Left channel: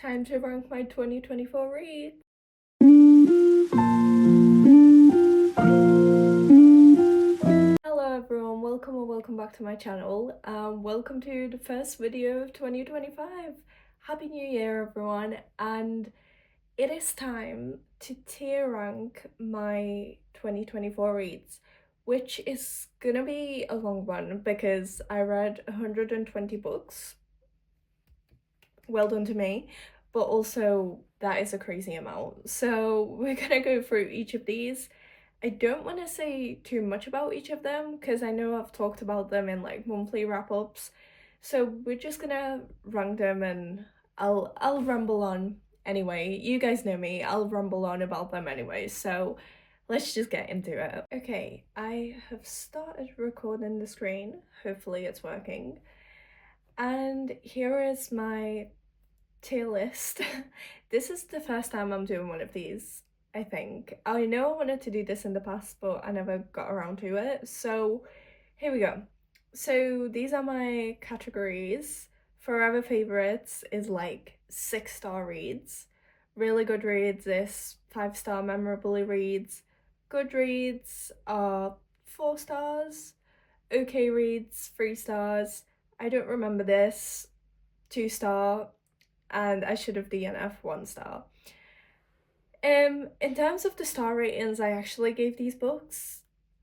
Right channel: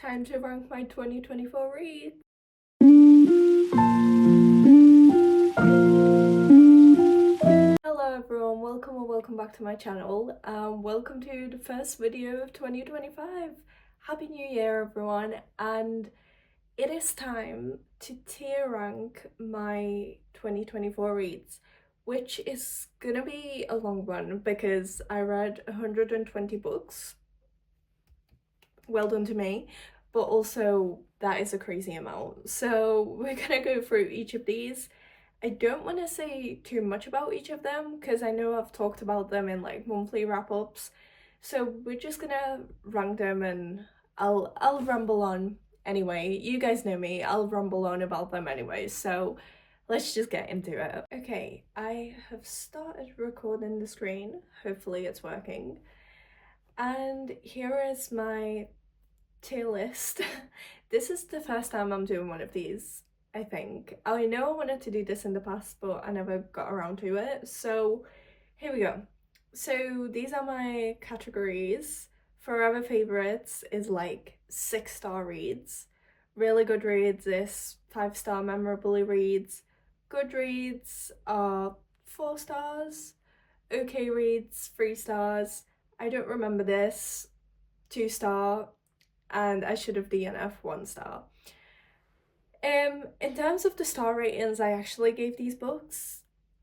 Time to rank my 2024 reads. Hello everyone, welcome or welcome back to my channel. Welcome to the first video of 2025. Happy New Year everyone, and it is time to tier rank my 2024 reads, which is gonna be a long one because I read 120 books. Well done to me, but also that is a crazy amount. So we're gonna go through each of these. I don't want to say too much about each of them because I know I've talked about them in like monthly wrap-ups. So we're just gonna rank them and I'll ramble on anyway. You guys know me, I'll ramble on about them anyway. So let's just get into it. Okay, I have started recording the screen. Hopefully it's working. And here is my tier list. This is the first time I'm doing one of these, I think. I know I wanted to do this in the past, but I never got around to it. So here we go. So these are my categories. Forever favorites is like 6-star reads. Really good reads is 5-star memorably reads. Good reads are 4 stars. Okay reads 3 stars. I don't remember this 2-star, and I should have DNF 1 star. In terms of the star ratings I actually gave these books,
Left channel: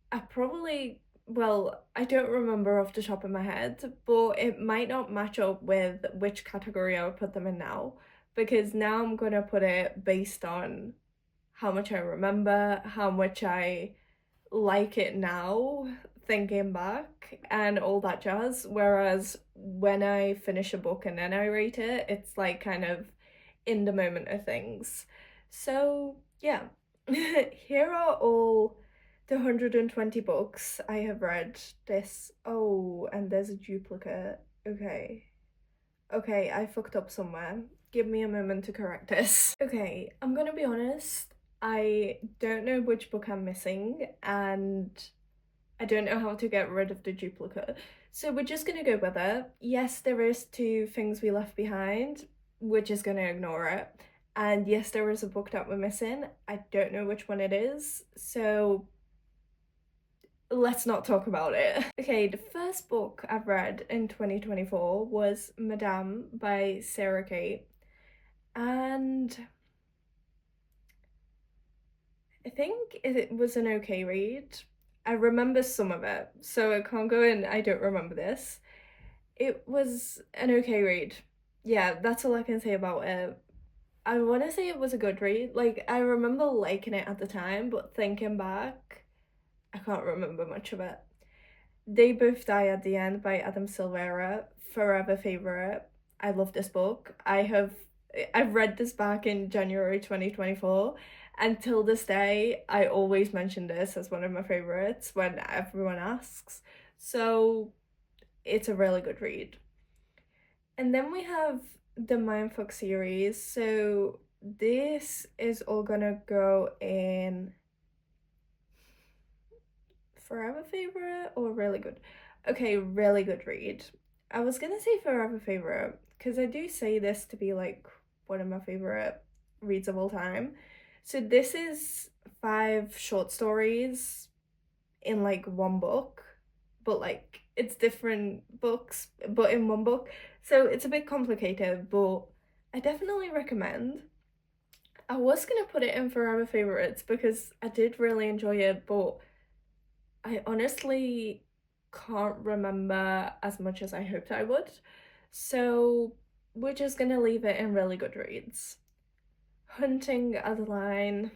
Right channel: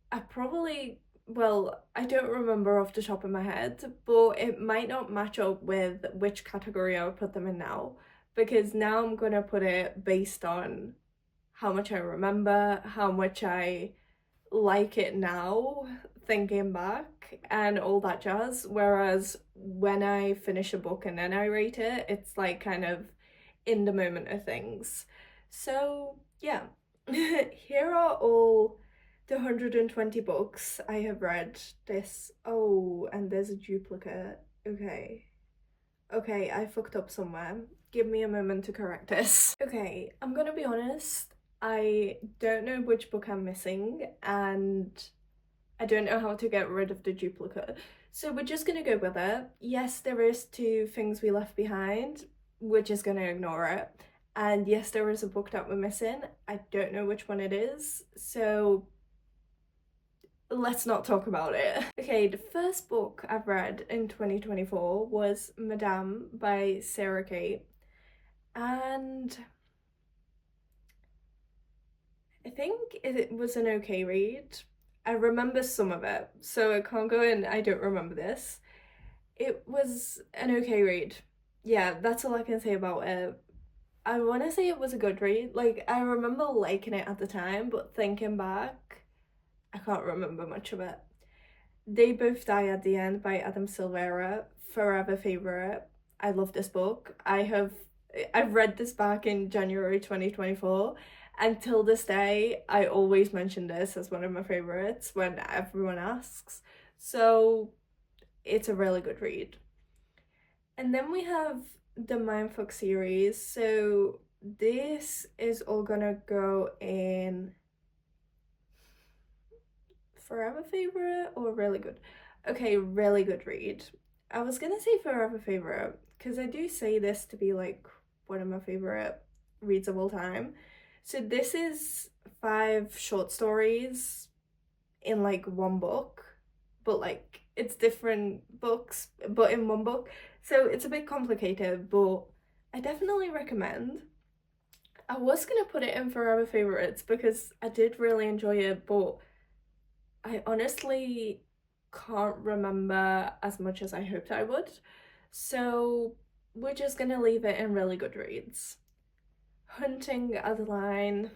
I don't remember off the top of my head, but it might not match up with which category I would put them in now, because now I'm gonna put it based on how much I remember, how much I like it now, thinking back, and all that jazz. Whereas when I finish a book and then I rate it, it's like kind of in the moment of things. So yeah, here are all the 120 books I have read this. Oh, and there's a duplicate. Okay, I fucked up somewhere. Give me a moment to correct this. Okay, I'm gonna be honest, I don't know which book I'm missing and I don't know how to get rid of the duplicate. So we're just gonna go with it. Yes, there is 2 things we left behind. We're just gonna ignore it. And yes, there is a book that we're missing. I don't know which one it is, so let's not talk about it. Okay, the first book I've read in 2024 was Madame by Sarah Kate. And I think it was an okay read. I remember some of it, so I can't go in, I don't remember this. It was an okay read. Yeah, that's all I can say about it. I want to say it was a good read. Like, I remember liking it at the time, but thinking back, I can't remember much of it. They Both Die at the End by Adam Silvera, forever favorite. I love this book. I've read this back in January 2024, and till this day I always mention this as one of my favorites when everyone asks. So it's a really good read. And then we have the Mindfuck series. So this is all gonna go in forever favorite or really good. Okay, really good read. I was gonna say forever favorite because I do say this to be like one of my favorite reads of all time. So this is 5 short stories in like one book, but like it's different books but in one book, so it's a bit complicated, but I definitely recommend. I was gonna put it in forever favorites because I did really enjoy it, but I honestly can't remember as much as I hoped I would, so we're just gonna leave it in really good reads. Hunting Adeline,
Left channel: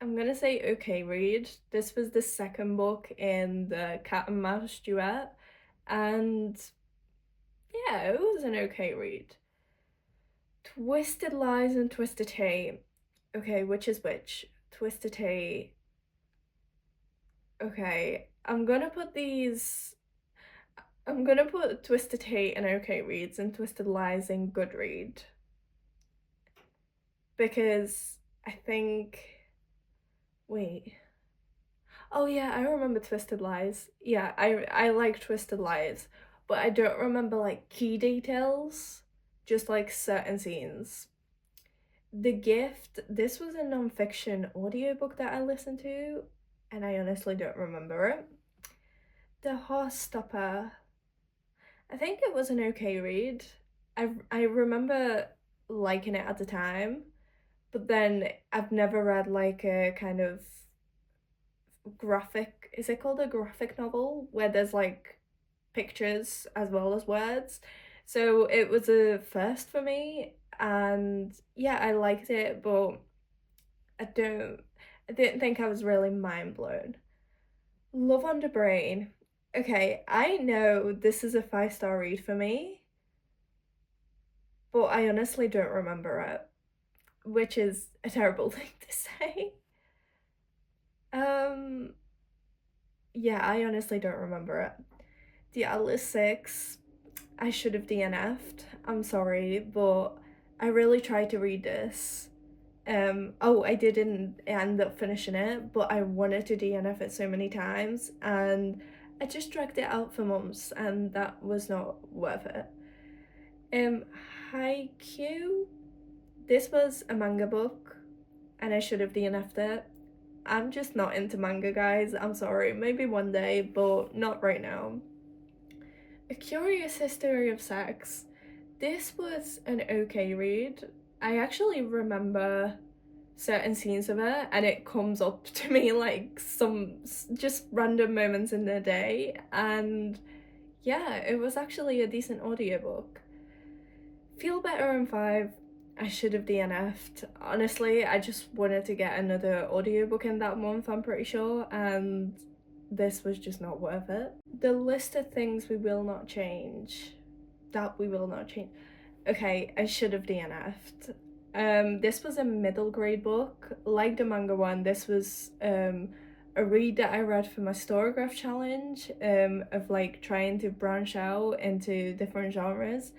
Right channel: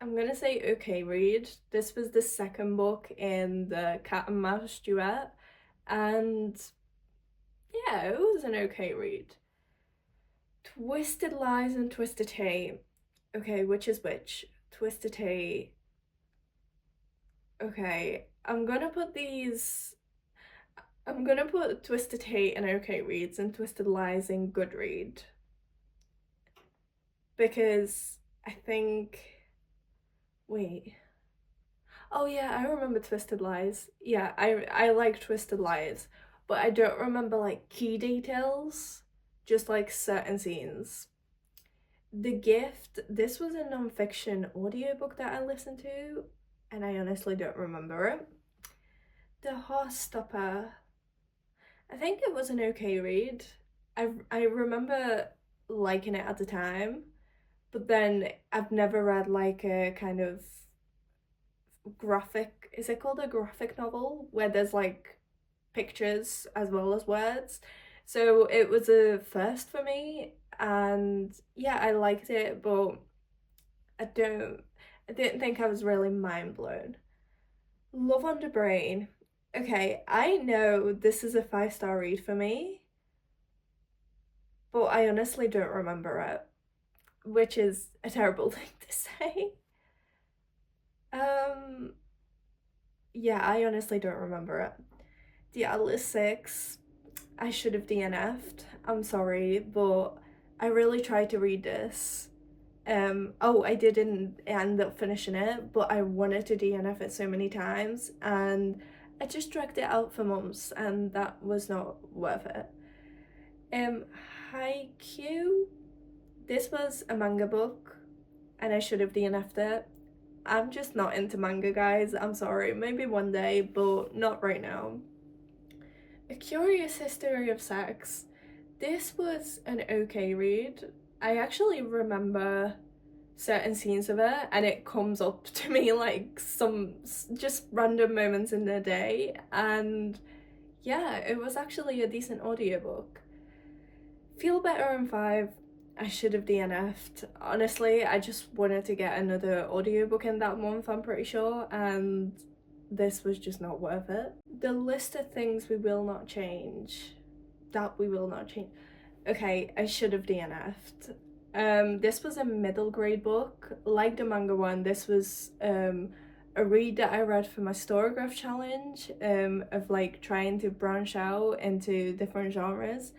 I'm gonna say okay read. This was the second book in the cat and mouse duet, and yeah, it was an okay read. Twisted Lies and Twisted Hate. Okay, which is which? Twisted Hate. Okay, I'm gonna put Twisted Hate in okay reads and Twisted Lies in good read, because I think, wait, oh yeah, I remember Twisted Lies. Yeah, I like Twisted Lies, but I don't remember like key details. just like certain scenes. The Gift, this was a non-fiction audiobook that I listened to, and I honestly don't remember it. The Heartstopper, I think it was an okay read. I remember liking it at the time, but then I've never read like a kind of graphic, is it called a graphic novel, where there's like pictures as well as words. So it was a first for me, and yeah, I liked it, but I didn't think I was really mind blown. Love on the Brain. Okay, I know this is a 5-star read for me, but I honestly don't remember it, which is a terrible thing to say. Um, yeah, I honestly don't remember it. The Atlas 6, I should have DNF'd. I'm sorry, but I really tried to read this. Oh, I didn't end up finishing it, but I wanted to DNF it so many times, and I just dragged it out for months, and that was not worth it. Haikyuu, this was a manga book, and I should have DNF'd it. I'm just not into manga, guys. I'm sorry. Maybe one day, but not right now. A Curious History of Sex. This was an okay read. I actually remember certain scenes of it, and it comes up to me like some just random moments in the day, and yeah, it was actually a decent audiobook. Feel Better in 5, I should have DNF'd. Honestly, I just wanted to get another audiobook in that month, I'm pretty sure, and this was just not worth it. The List of Things We Will Not Change. That we will not change. Okay, I should have DNF'd. This was a middle grade book. Like the manga one, this was a read that I read for my Storygraph challenge, of like trying to branch out into different genres.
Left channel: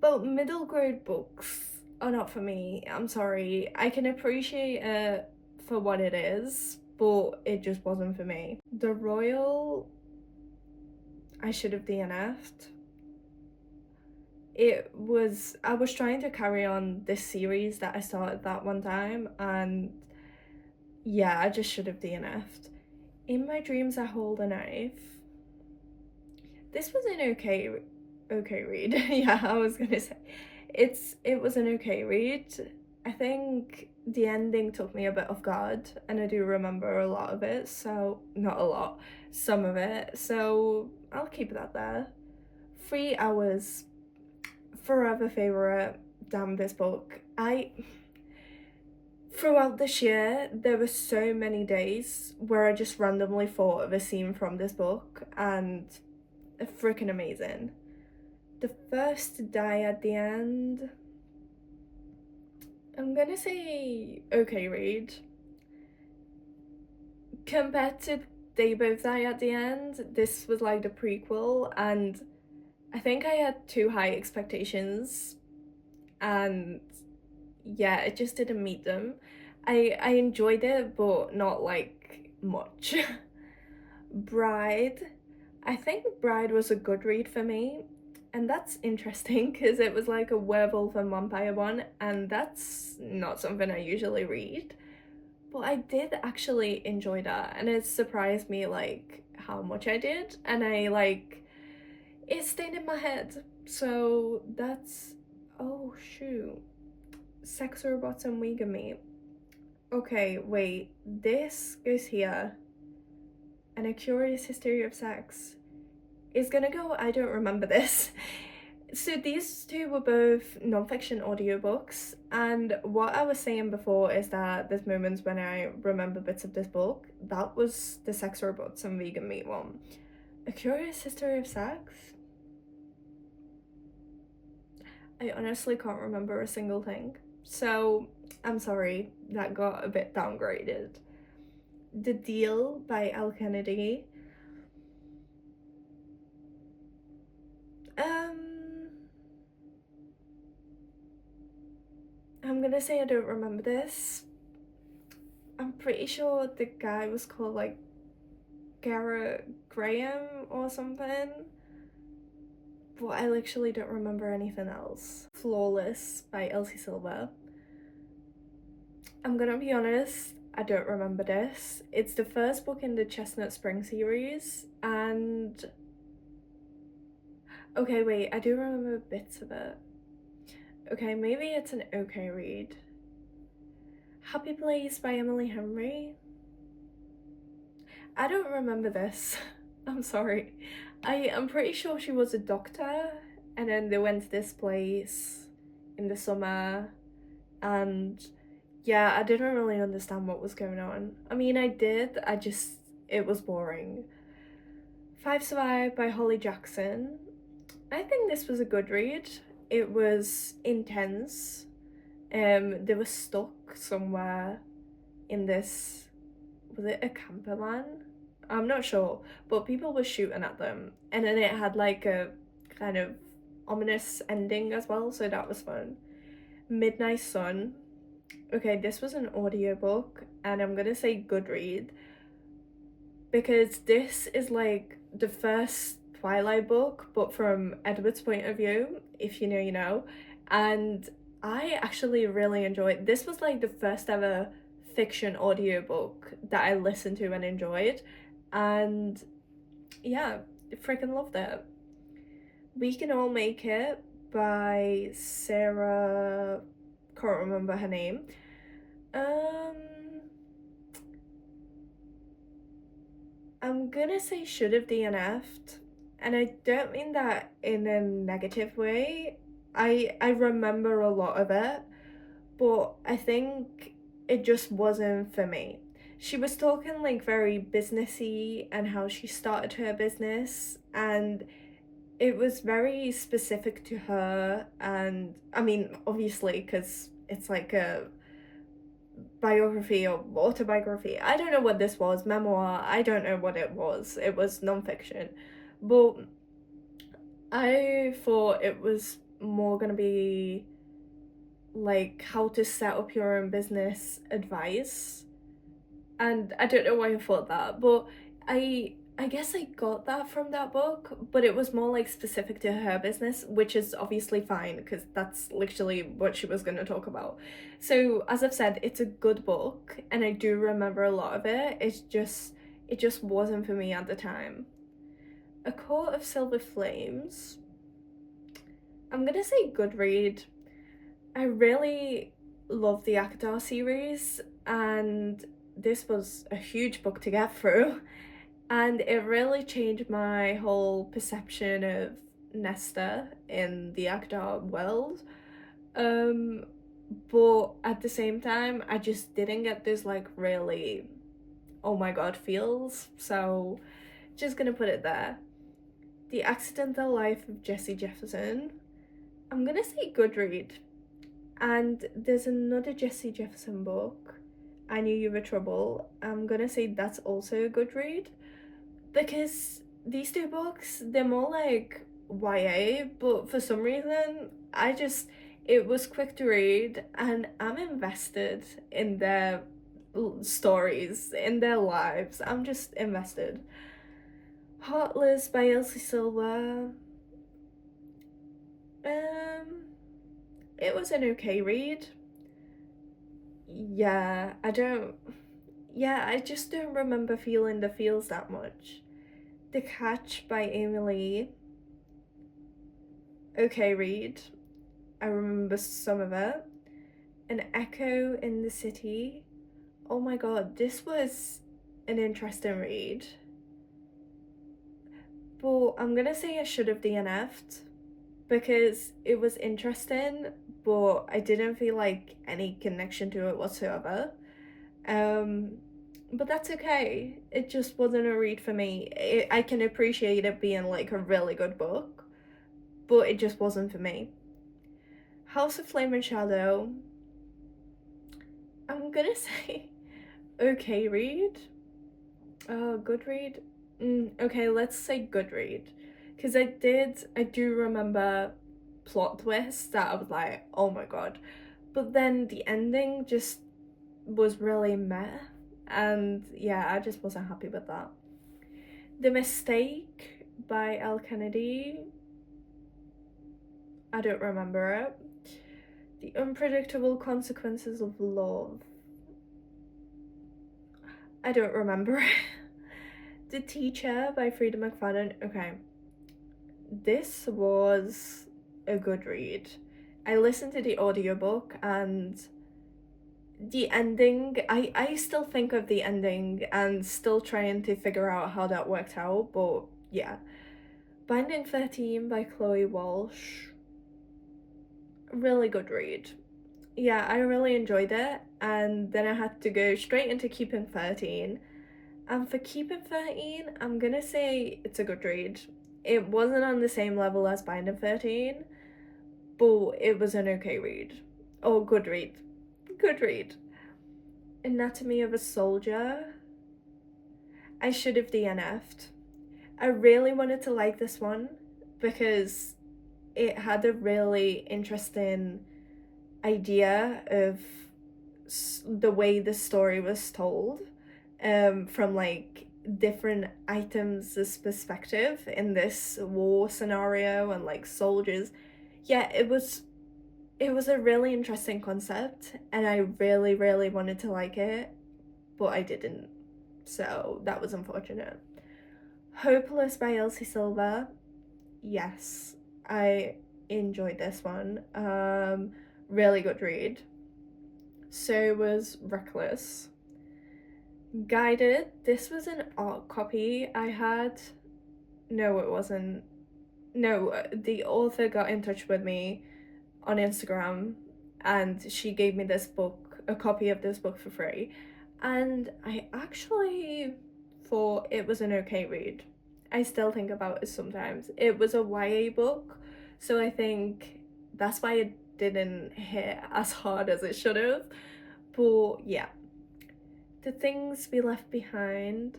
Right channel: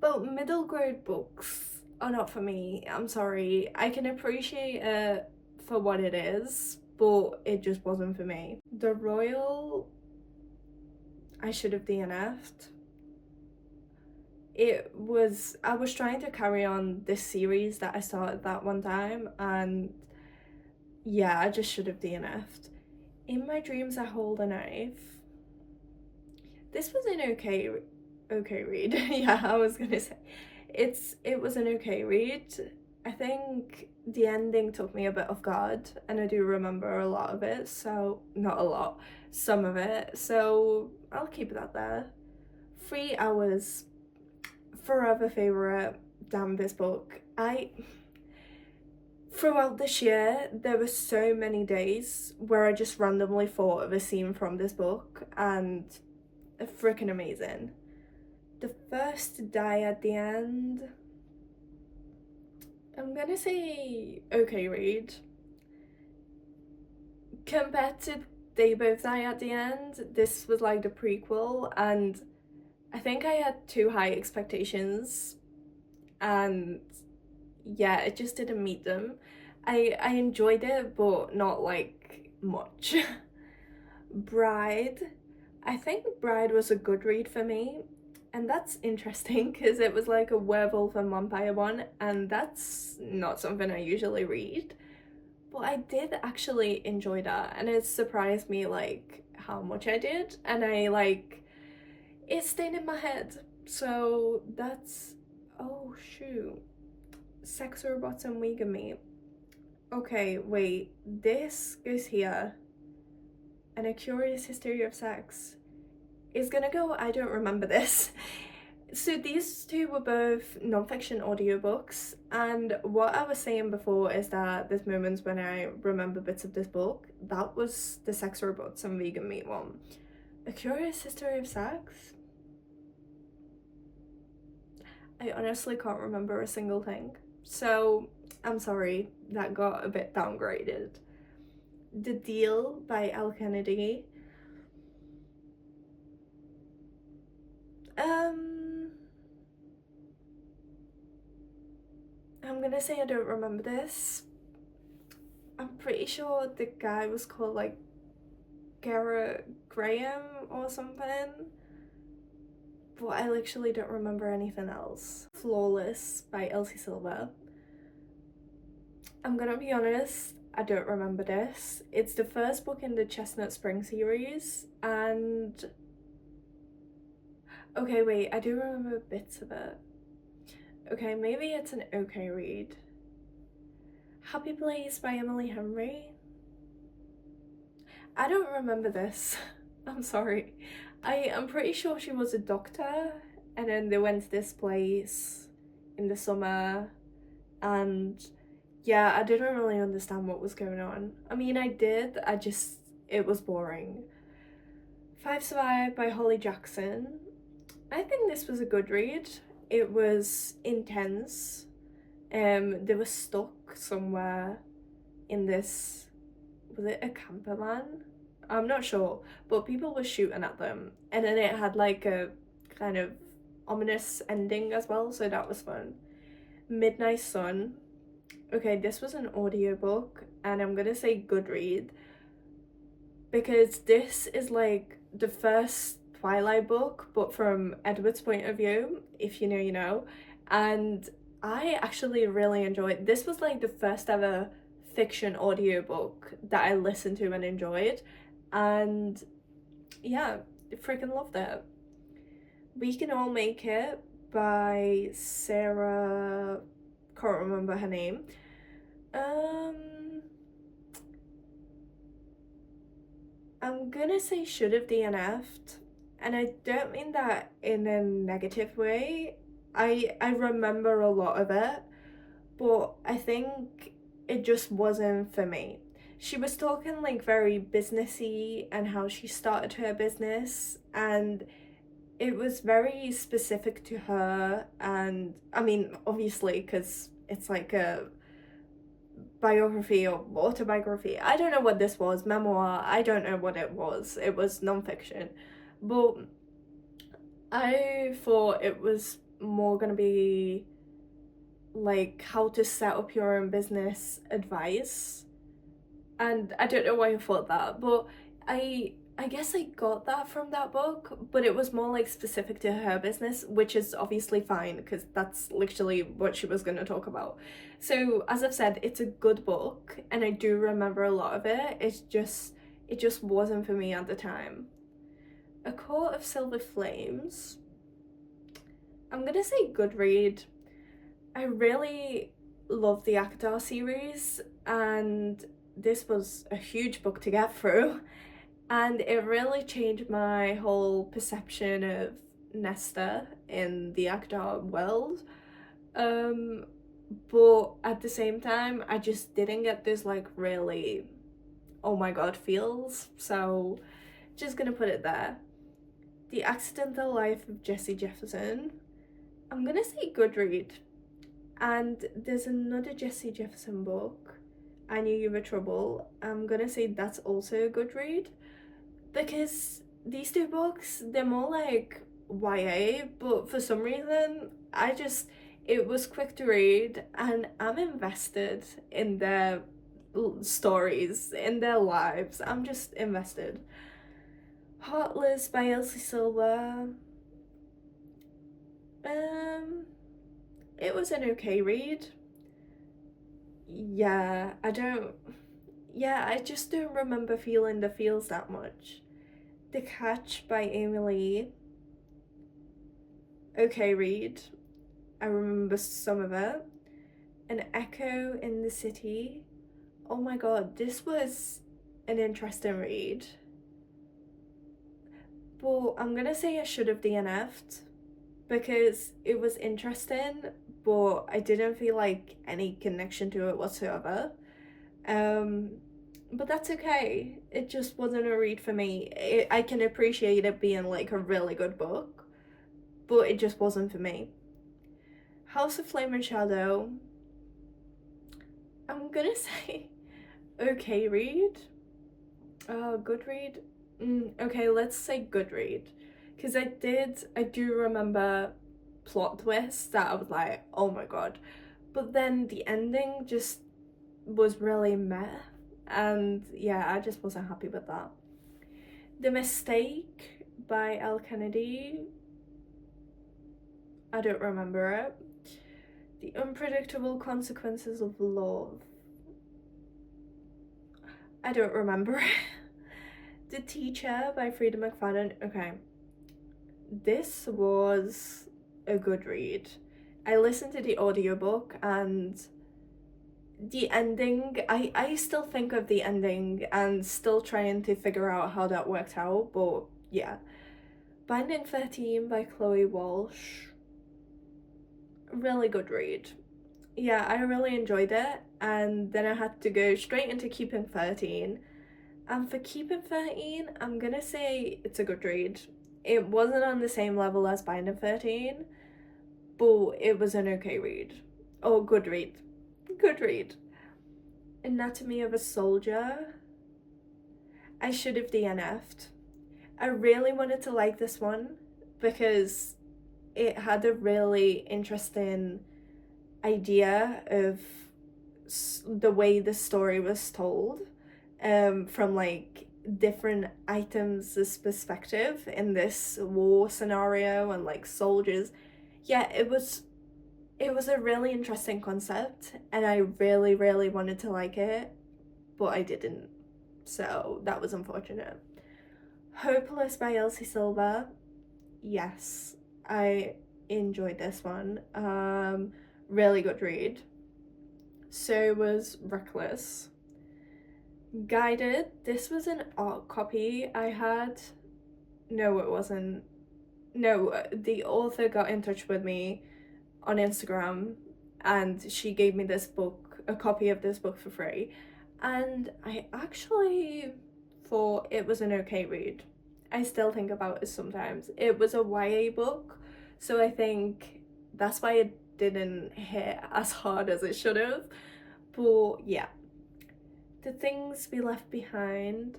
But middle grade books are not for me. I'm sorry. I can appreciate it for what it is, but it just wasn't for me. The Royal, I should have DNF'd. I was trying to carry on this series that I started that one time, and yeah, I just should have DNF'd. In My Dreams I Hold a Knife. This was an okay read. Yeah, I was gonna say it was an okay read. I think the ending took me a bit off guard, and I do remember a lot of it, so not a lot, some of it, so I'll keep that there. 3 Hours, forever favorite. Damn, this book. Throughout this year, there were so many days where I just randomly thought of a scene from this book, and freaking amazing. The First to Die at the End, I'm gonna say okay read. Compared to They Both Die at the End, this was like the prequel, and I think I had too high expectations, and yeah, it just didn't meet them. I enjoyed it, but not like much. Bride, I think Bride was a good read for me, and that's interesting because it was like a werewolf and vampire one, and that's not something I usually read, but I did actually enjoy that, and it surprised me like how much I did, and it stayed in my head. So that's, oh shoot, Sex Robots and Vegan Meat. Okay, wait, this goes here, and A Curious History of Sex is gonna go, I don't remember this. So these two were both non-fiction audiobooks, and what I was saying before is that there's moments when I remember bits of this book. That was the Sex Robots and Vegan Meat one. A Curious History of Sex? I honestly can't remember a single thing, so I'm sorry, that got a bit downgraded. The Deal by Al Kennedy. I'm gonna say I don't remember this. I'm pretty sure the guy was called like Garrett Graham or something. but I literally don't remember anything else. Flawless by Elsie Silver. I'm gonna be honest, I don't remember this. It's the first book in the Chestnut Spring series, and okay, wait, I do remember bits of it. Okay, maybe it's an okay read. Happy Place by Emily Henry. I don't remember this. I'm sorry. I'm pretty sure she was a doctor, and then they went to this place in the summer, and yeah, I didn't really understand what was going on. I mean, I did, it was boring. Five Survive by Holly Jackson. I think this was a good read. It was intense. They were stuck somewhere in this, was it a camper van? I'm not sure, but people were shooting at them, and then it had like a kind of ominous ending as well, so that was fun. Midnight Sun. Okay, this was an audiobook, and I'm gonna say good read because this is like the first Twilight book, but from Edward's point of view. If you know, you know. And I actually really enjoyed this. Was like the first ever fiction audiobook that I listened to and enjoyed, and yeah, freaking loved it. We Can All Make It by Sarah, can't remember her name. I'm gonna say should have DNF'd, and I don't mean that in a negative way. I remember a lot of it, but I think it just wasn't for me. She was talking like very businessy and how she started her business, and it was very specific to her. And I mean, obviously, because it's like a biography or autobiography. I don't know what this was, memoir. I don't know what it was. It was non-fiction, but I thought it was more gonna be like how to set up your own business advice, and I don't know why I thought that, but I guess I got that from that book, but it was more like specific to her business, which is obviously fine because that's literally what she was going to talk about. So as I've said, it's a good book, and I do remember a lot of it. It just wasn't for me at the time. A Court of Silver Flames. I'm gonna say good read. I really love the Akadar series, and this was a huge book to get through, and it really changed my whole perception of Nesta in the Akadar world. But at the same time, I just didn't get this like really oh my god feels, so just gonna put it there. The Accidental Life of Jesse Jefferson. I'm gonna say good read. And there's another Jesse Jefferson book, I Knew You Were Trouble. I'm gonna say that's also a good read, because these two books, they're more like YA, but for some reason it was quick to read, and I'm invested in their stories, in their lives. I'm just invested. Heartless by Elsie Silver. It was an okay read. I just don't remember feeling the feels that much. The Catch by Amy Lee. Okay read. I remember some of it. An Echo in the City. Oh my god, this was an interesting read. But I'm gonna say I should have DNF'd because it was interesting, but I didn't feel like any connection to it whatsoever. But that's okay. It just wasn't a read for me. I can appreciate it being like a really good book, but it just wasn't for me. House of Flame and Shadow. I'm gonna say okay read. Good read. Okay, let's say good read, because I do remember plot twists that I was like, oh my god, but then the ending just was really meh, and yeah, I just wasn't happy with that. The Mistake by Elle Kennedy. I don't remember it. The Unpredictable Consequences of Love. I don't remember it. The Teacher by Frida McFadden. Okay. This was a good read. I listened to the audiobook and the ending, I still think of the ending and still trying to figure out how that worked out, but yeah. Binding 13 by Chloe Walsh. Really good read. Yeah, I really enjoyed it, and then I had to go straight into Keeping 13. And for Keeping 13, I'm gonna say it's a good read. It wasn't on the same level as Binding 13, but it was an okay read. Oh, good read. Good read. Anatomy of a Soldier. I should have DNF'd. I really wanted to like this one because it had a really interesting idea of the way the story was told, from like different items' perspective in this war scenario and like soldiers. Yeah, it was a really interesting concept, and I really wanted to like it, but I didn't, so that was unfortunate. Hopeless by Elsie Silver. Yes, I enjoyed this one. Really good read. So was Reckless. Guided. This was an art copy I had. No, it wasn't. No, the author got in touch with me on Instagram and she gave me this book, a copy of this book for free. And I actually thought it was an okay read. I still think about it sometimes. It was a YA book, so I think that's why it didn't hit as hard as it should have. But yeah. The Things We Left Behind.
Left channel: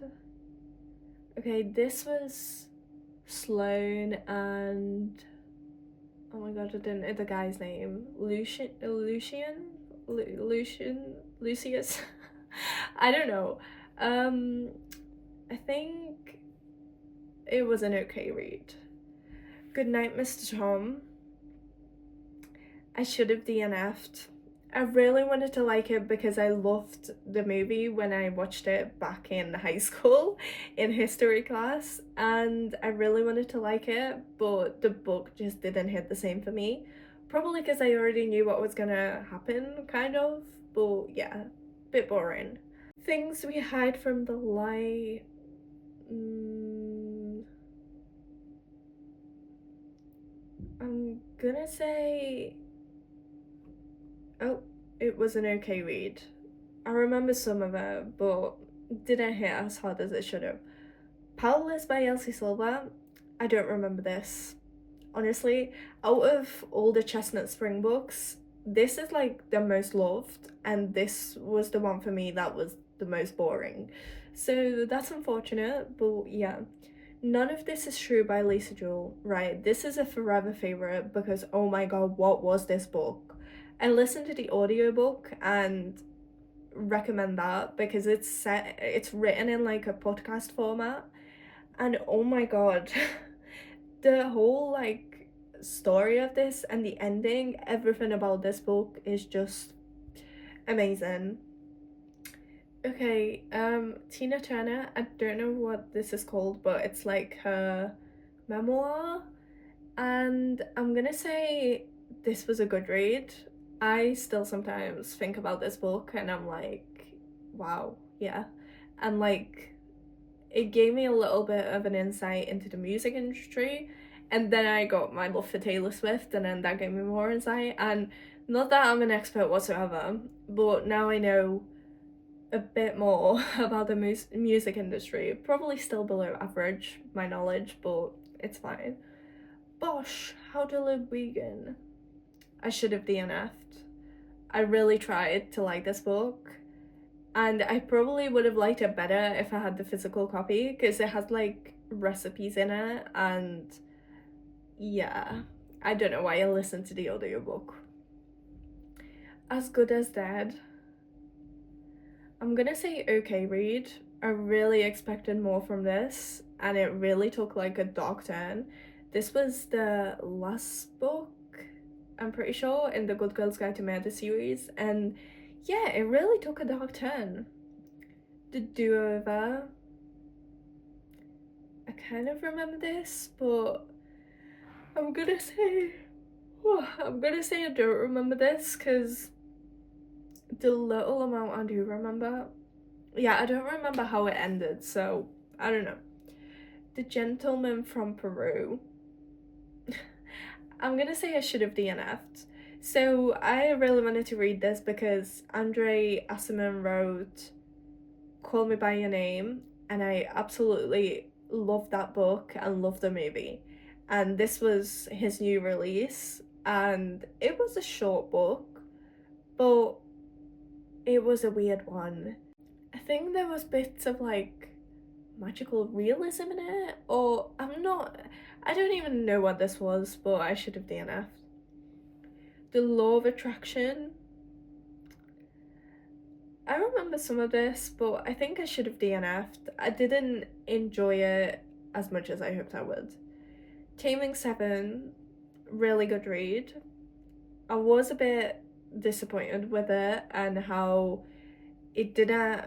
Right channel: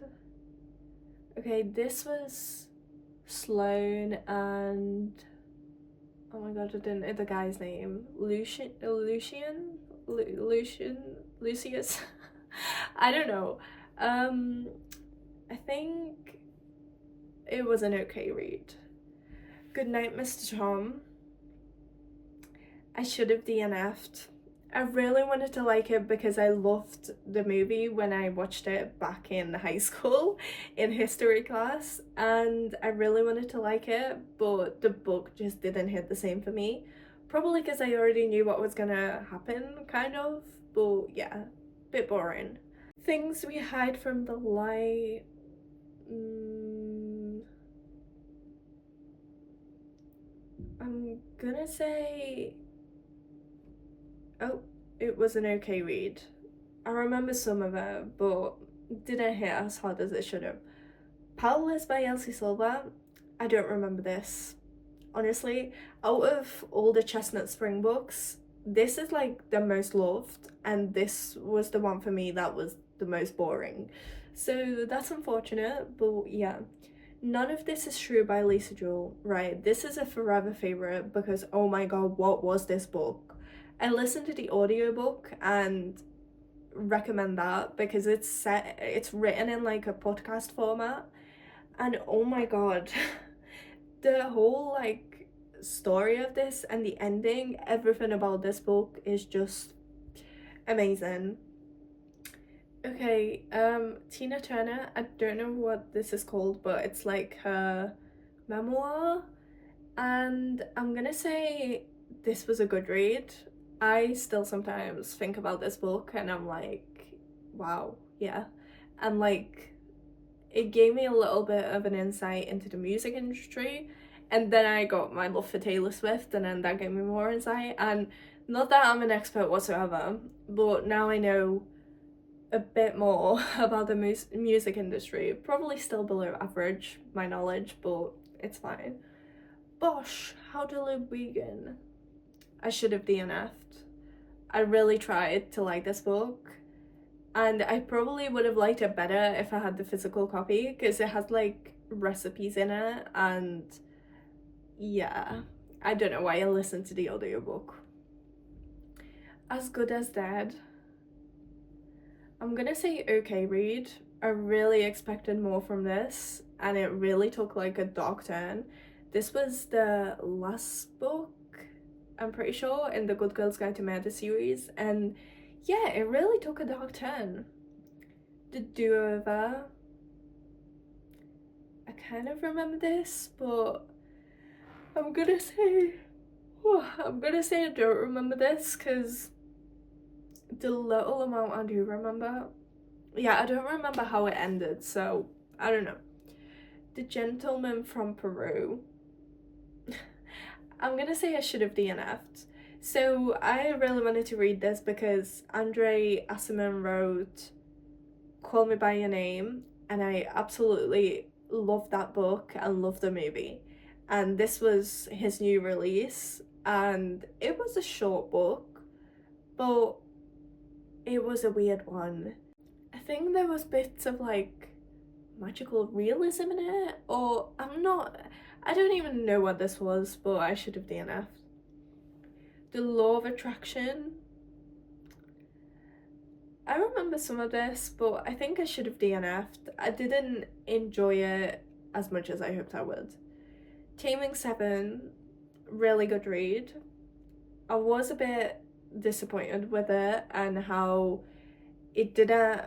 Okay, this was Sloane and oh my god, I didn't know the guy's name. Lucius. I don't know. I think it was an okay read. Goodnight, Mr. Tom. I should have DNF'd. I really wanted to like it because I loved the movie when I watched it back in high school in history class, and I really wanted to like it, but the book just didn't hit the same for me. Probably because I already knew what was gonna happen, kind of, but yeah, bit boring. Things We Hide from the Light. I'm gonna say, oh, it was an okay read. I remember some of it, but didn't hit as hard as it should have. Powerless by Elsie Silver. I don't remember this. Honestly, out of all the Chestnut Spring books, this is like the most loved, and this was the one for me that was the most boring. So that's unfortunate, but yeah. None of This Is True by Lisa Jewell. Right, this is a forever favorite because oh my god, what was this book? I listened to the audiobook and recommend that because it's written in like a podcast format, and oh my god, the whole like story of this and the ending, everything about this book is just amazing. Okay, Tina Turner, I don't know what this is called, but it's like her memoir, and I'm gonna say this was a good read. I still sometimes think about this book and I'm like, wow, yeah. And like, it gave me a little bit of an insight into the music industry, and then I got my love for Taylor Swift, and then that gave me more insight. And not that I'm an expert whatsoever, but now I know a bit more about the music industry. Probably still below average, my knowledge, but it's fine. Bosh, How to Live Vegan. I should have DNF'd. I really tried to like this book, and I probably would have liked it better if I had the physical copy because it has like recipes in it, and yeah, I don't know why I listened to the audiobook. As Good as Dead. I'm gonna say okay read. I really expected more from this, and it really took like a dark turn. This was the last book I'm pretty sure, in the Good Girls Guide to Murder series, and yeah, it really took a dark turn. The do-over. I kind of remember this, but I'm gonna say I don't remember this, because the little amount I do remember, yeah, I don't remember how it ended, so I don't know. The Gentleman from Peru. I'm gonna say I should have DNF'd. So I really wanted to read this because Andre Asserman wrote Call Me By Your Name, and I absolutely loved that book and loved the movie. And this was his new release, and it was a short book, but it was a weird one. I think there was bits of like magical realism in it, or I don't even know what this was, but I should have DNF'd. The Law of Attraction. I remember some of this, but I think I should have DNF'd. I didn't enjoy it as much as I hoped I would. Taming 7, really good read. I was a bit disappointed with it and how it didn't,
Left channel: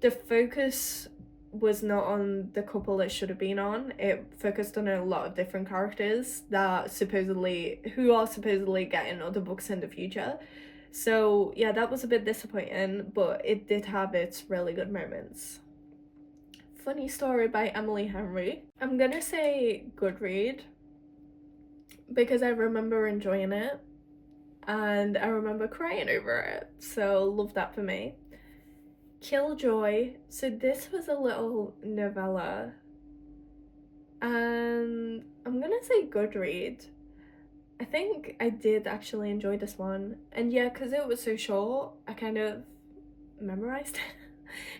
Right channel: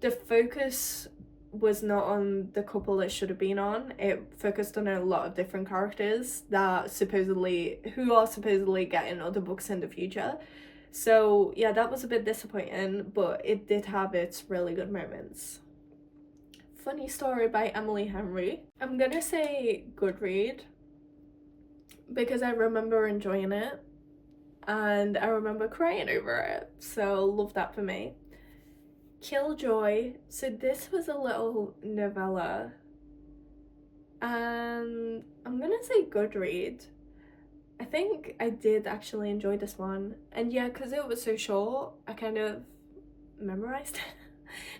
the focus was not on the couple it should have been on. It focused on a lot of different characters that who are supposedly getting other books in the future. So yeah, that was a bit disappointing, but it did have its really good moments. Funny Story by Emily Henry. I'm gonna say good read because I remember enjoying it and I remember crying over it, so love that for me. Killjoy. So this was a little novella, and I'm gonna say good read. I think I did actually enjoy this one, and yeah, because it was so short, I kind of memorized it.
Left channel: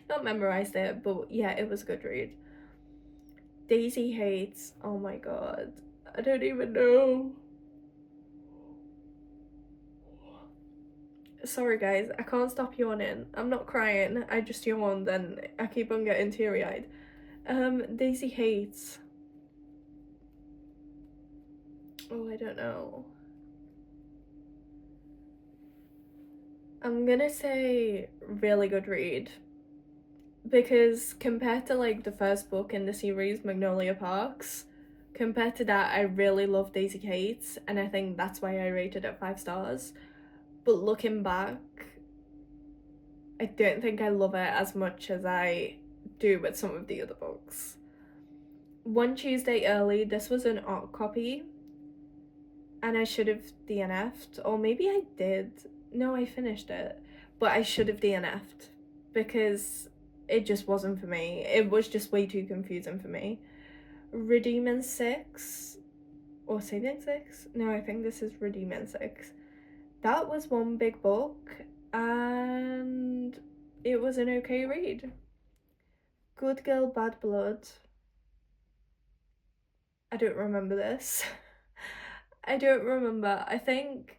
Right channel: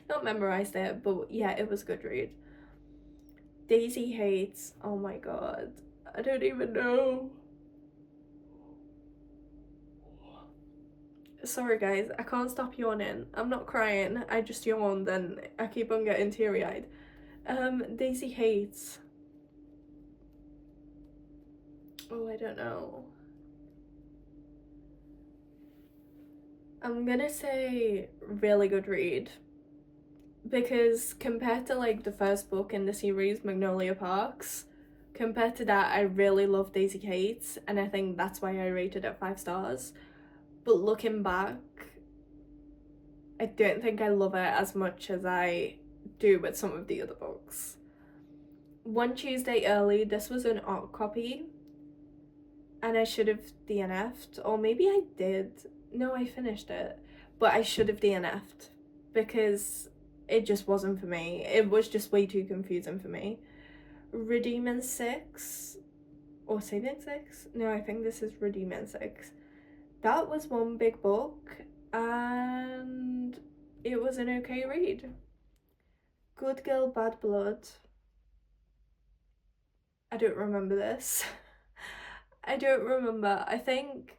Not memorized it, but yeah, it was a good read. Daisy Hates. Oh my god, I don't even know. Sorry guys, I can't stop yawning. I'm not crying, I just yawned and I keep on getting teary-eyed. Daisy Hates. Oh, I don't know. I'm gonna say really good read, because compared to like the first book in the series, Magnolia Parks, compared to that, I really love Daisy Hates, and I think that's why I rated it 5 stars. But looking back, I don't think I love it as much as I do with some of the other books. One Tuesday Early, this was an art copy, and I should have DNF'd, or maybe I did. No, I finished it, but I should have DNF'd because it just wasn't for me. It was just way too confusing for me. Redeeming 6 or Saving 6? No, I think this is Redeeming 6. That was one big book and it was an okay read. Good Girl Bad Blood. I don't remember this. I don't remember. I think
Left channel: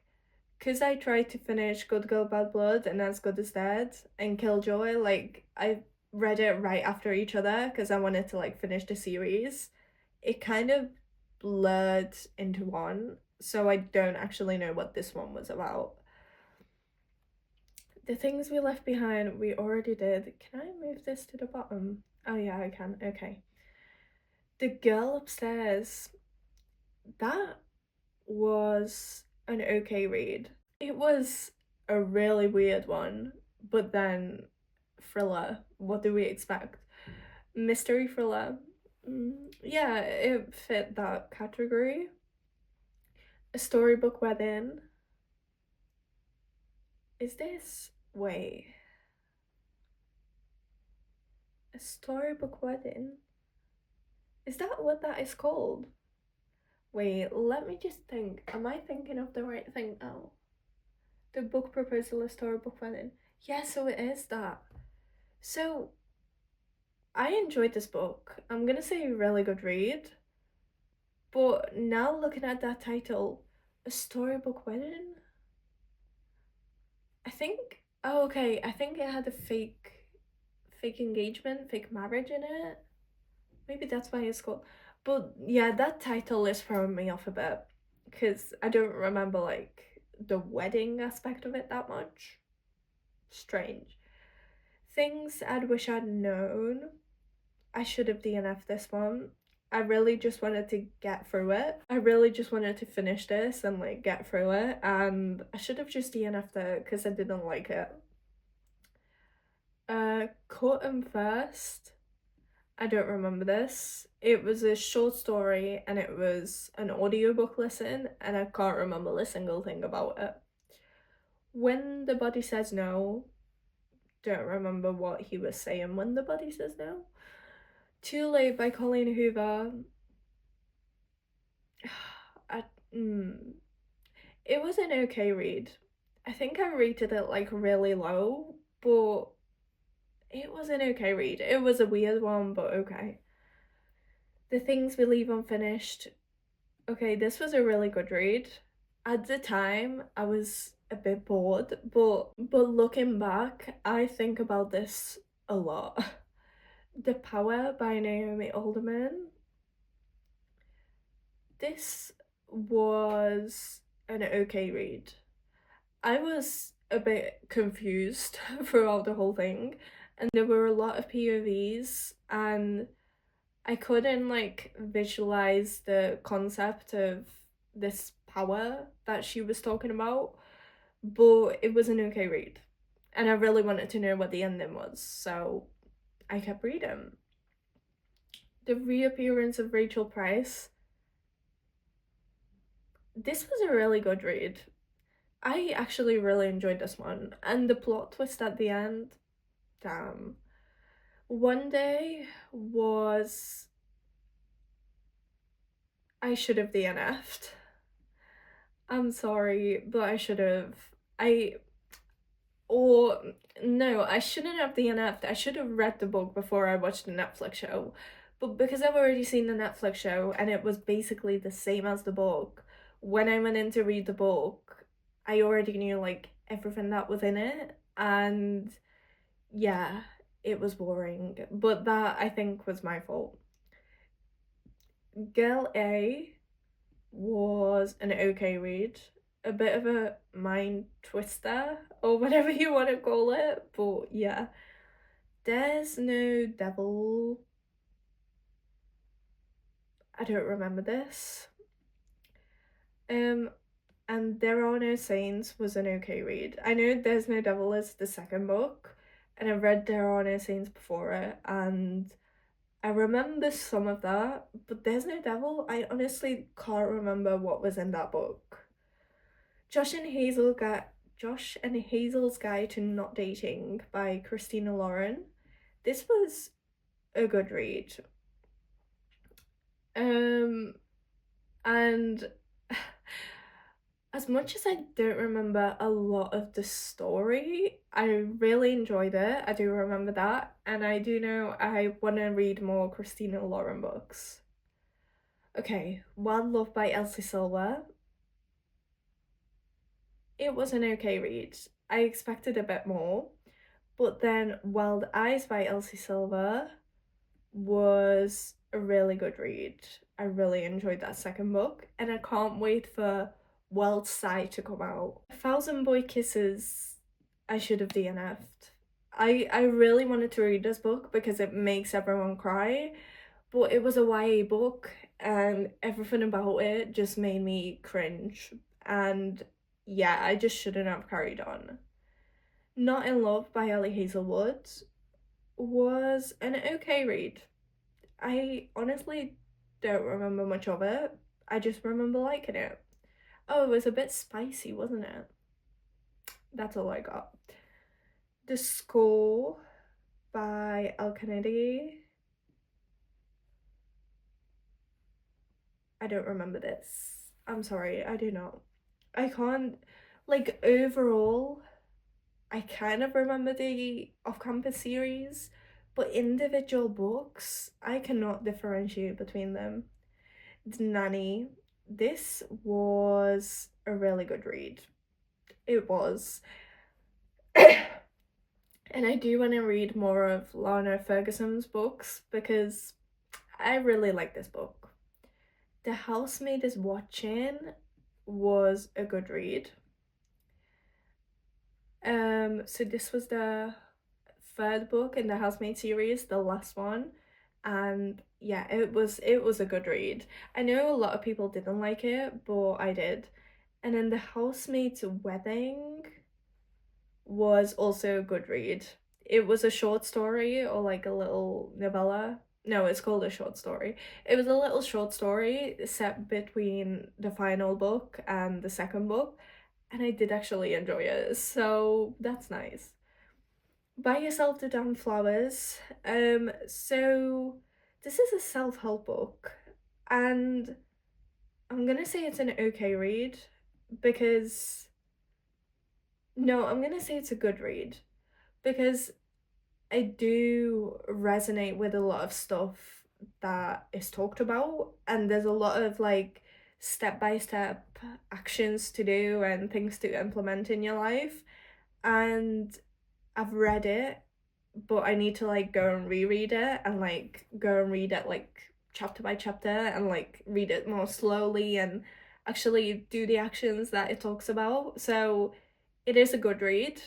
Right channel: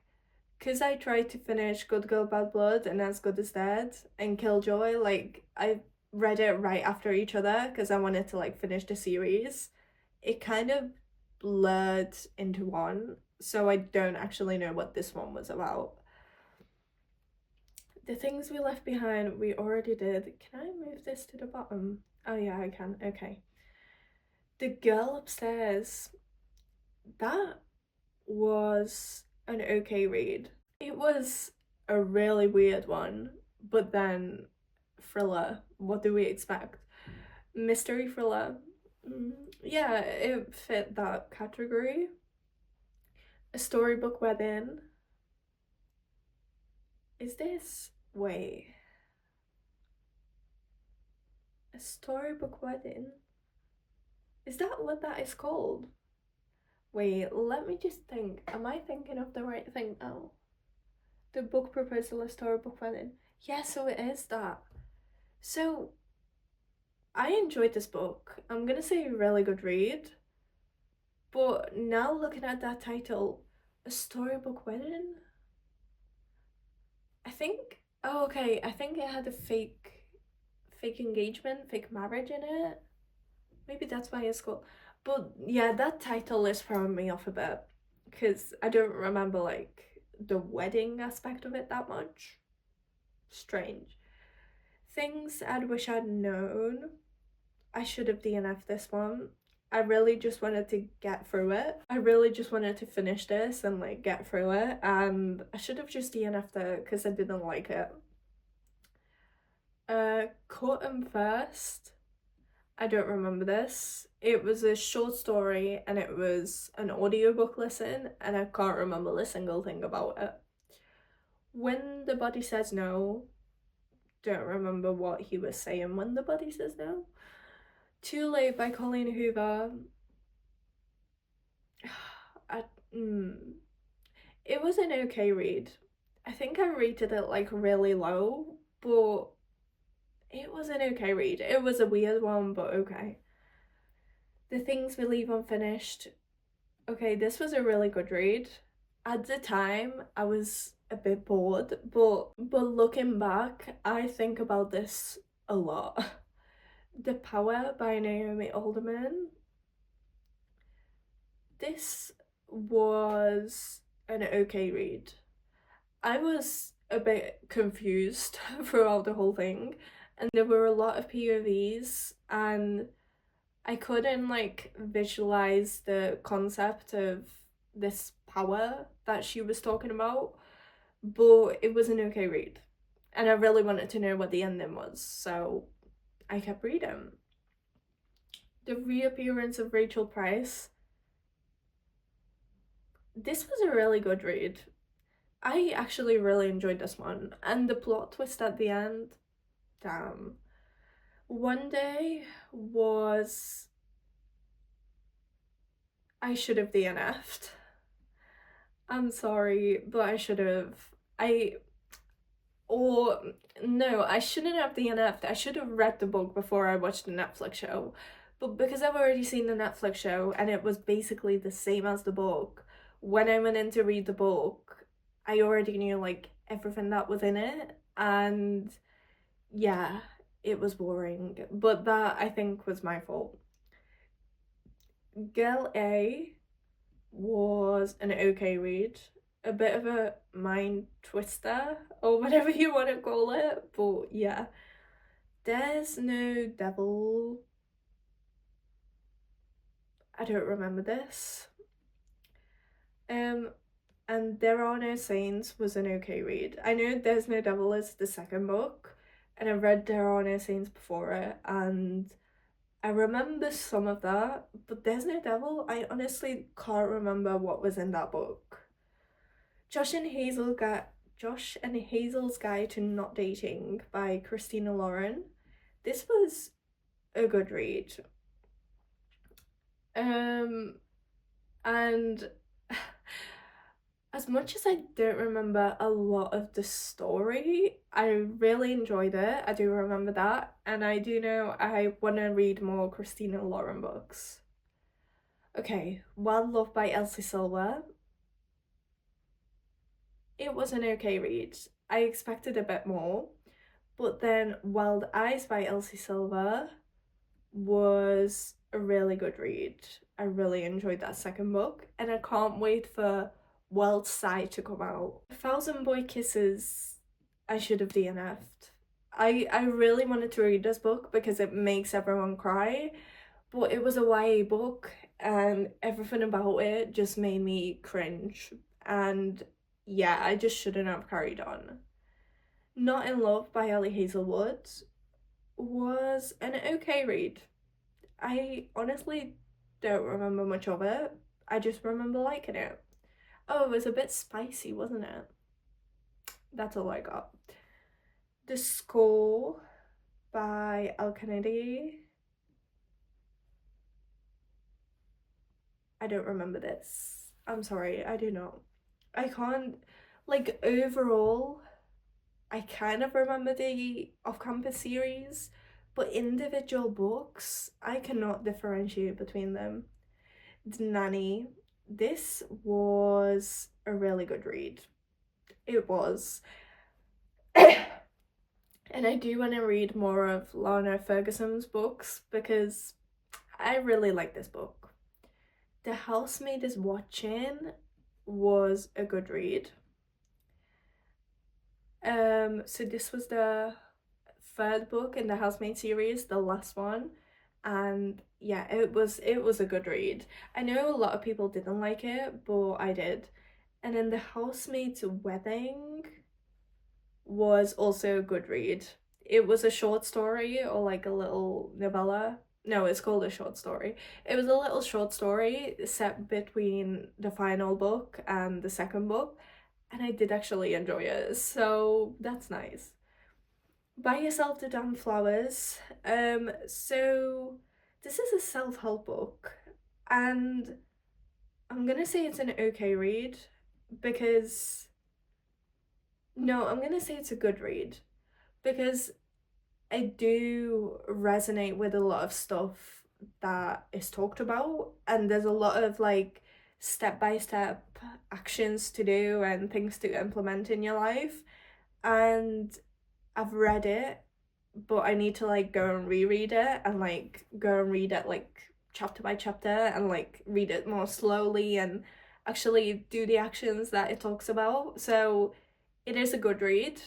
because I tried to finish Good Girl Bad Blood and As Good as Dead and Killjoy, like I read it right after each other because I wanted to like finish the series. It kind of blurred into one, so I don't actually know what this one was about. The Things We Left Behind, we already did. Can I move this to the bottom? Oh yeah, I can. Okay. The Girl Upstairs. That was an okay read. It was a really weird one, but then thriller. What do we expect? Mystery thriller. Yeah, it fit that category. A Storybook Wedding. Is this... wait. A Storybook Wedding? Is that what that is called? Wait, let me just think. Am I thinking of the right thing now? The book proposal, A Storybook Wedding. Yeah, so it is that. So, I enjoyed this book. I'm gonna say a really good read. But now looking at that title, A Storybook Wedding? I think, oh okay, I think it had a fake engagement, fake marriage in it. Maybe that's why it's called. But yeah, that title is throwing me off a bit because I don't remember like the wedding aspect of it that much. Strange. Things I'd wish I'd known. I should have DNF'd this one. I really just wanted to get through it. I really just wanted to finish this and like get through it, and I should have just DNF'd it because I didn't like it. Cut 'em First. I don't remember this. It was a short story and it was an audiobook listen, and I can't remember a single thing about it. When the Body Says No. Don't remember what he was saying when the body says no. Too Late by Colleen Hoover. It was an okay read. I think I rated it like really low, but it was an okay read. It was a weird one, but okay. The Things We Leave Unfinished. Okay, this was a really good read. At the time, I was a bit bored, but looking back, I think about this a lot. The Power by Naomi Alderman. This was an okay read. I was a bit confused throughout the whole thing, and there were a lot of POVs, and I couldn't like visualize the concept of this power that she was talking about, but it was an okay read, and I really wanted to know what the ending was, so I kept reading. The Reappearance of Rachel Price. This was a really good read. I actually really enjoyed this one, and the plot twist at the end, damn. One Day was... I should have DNF'd. I'm sorry, but I should have. No, I shouldn't have DNF'd. I should have read the book before I watched the Netflix show. But because I've already seen the Netflix show and it was basically the same as the book, when I went in to read the book, I already knew like everything that was in it, and yeah, it was boring. But that, I think, was my fault. Girl A was an okay read. A bit of a mind twister, or whatever you want to call it, but yeah. There's No Devil. I don't remember this. And There Are No Saints was an okay read. I know There's No Devil is the second book, and I've read There Are No Saints before it, and I remember some of that, but There's No Devil, I honestly can't remember what was in that book. Josh and Hazel's Guide to Not Dating by Christina Lauren. This was a good read. And as much as I don't remember a lot of the story, I really enjoyed it. I do remember that, and I do know I want to read more Christina Lauren books. Okay, Wild Love by Elsie Silver. It was an okay read. I expected a bit more, but then Wild Eyes by Elsie Silver was a really good read. I really enjoyed that second book, and I can't wait for Wild Side to come out. 1,000 Boy Kisses, I should have DNF'd. I really wanted to read this book because it makes everyone cry, but it was a YA book and everything about it just made me cringe, and yeah, I just shouldn't have carried on. Not in Love by Ellie Hazelwood was an okay read. I honestly don't remember much of it. I just remember liking it. Oh, it was a bit spicy, wasn't it? That's all I got. The Score by Al Kennedy. I don't remember this. I'm sorry, I do not. I can't, like, overall, I kind of remember the off-campus series, but individual books, I cannot differentiate between them. The Nanny. This was a really good read. It was. And I do want to read more of Lana Ferguson's books because I really like this book. The Housemaid is Watching was a good read. So this was the third book in the Housemaid series, the last one, and yeah, it was a good read. I know a lot of people didn't like it, but I did. And then the Housemaid's Wedding was also a good read. It was a short story or like a little novella. No, it's called a short story. It was a little short story set between the final book and the second book, and I did actually enjoy it, so that's nice. Buy Yourself the Damn Flowers. So this is a self-help book, and I'm gonna say it's an okay read because no, I'm gonna say it's a good read because I do resonate with a lot of stuff that is talked about, and there's a lot of like step-by-step actions to do and things to implement in your life. And I've read it, but I need to like go and reread it and like go and read it like chapter by chapter and like read it more slowly and actually do the actions that it talks about. So it is a good read,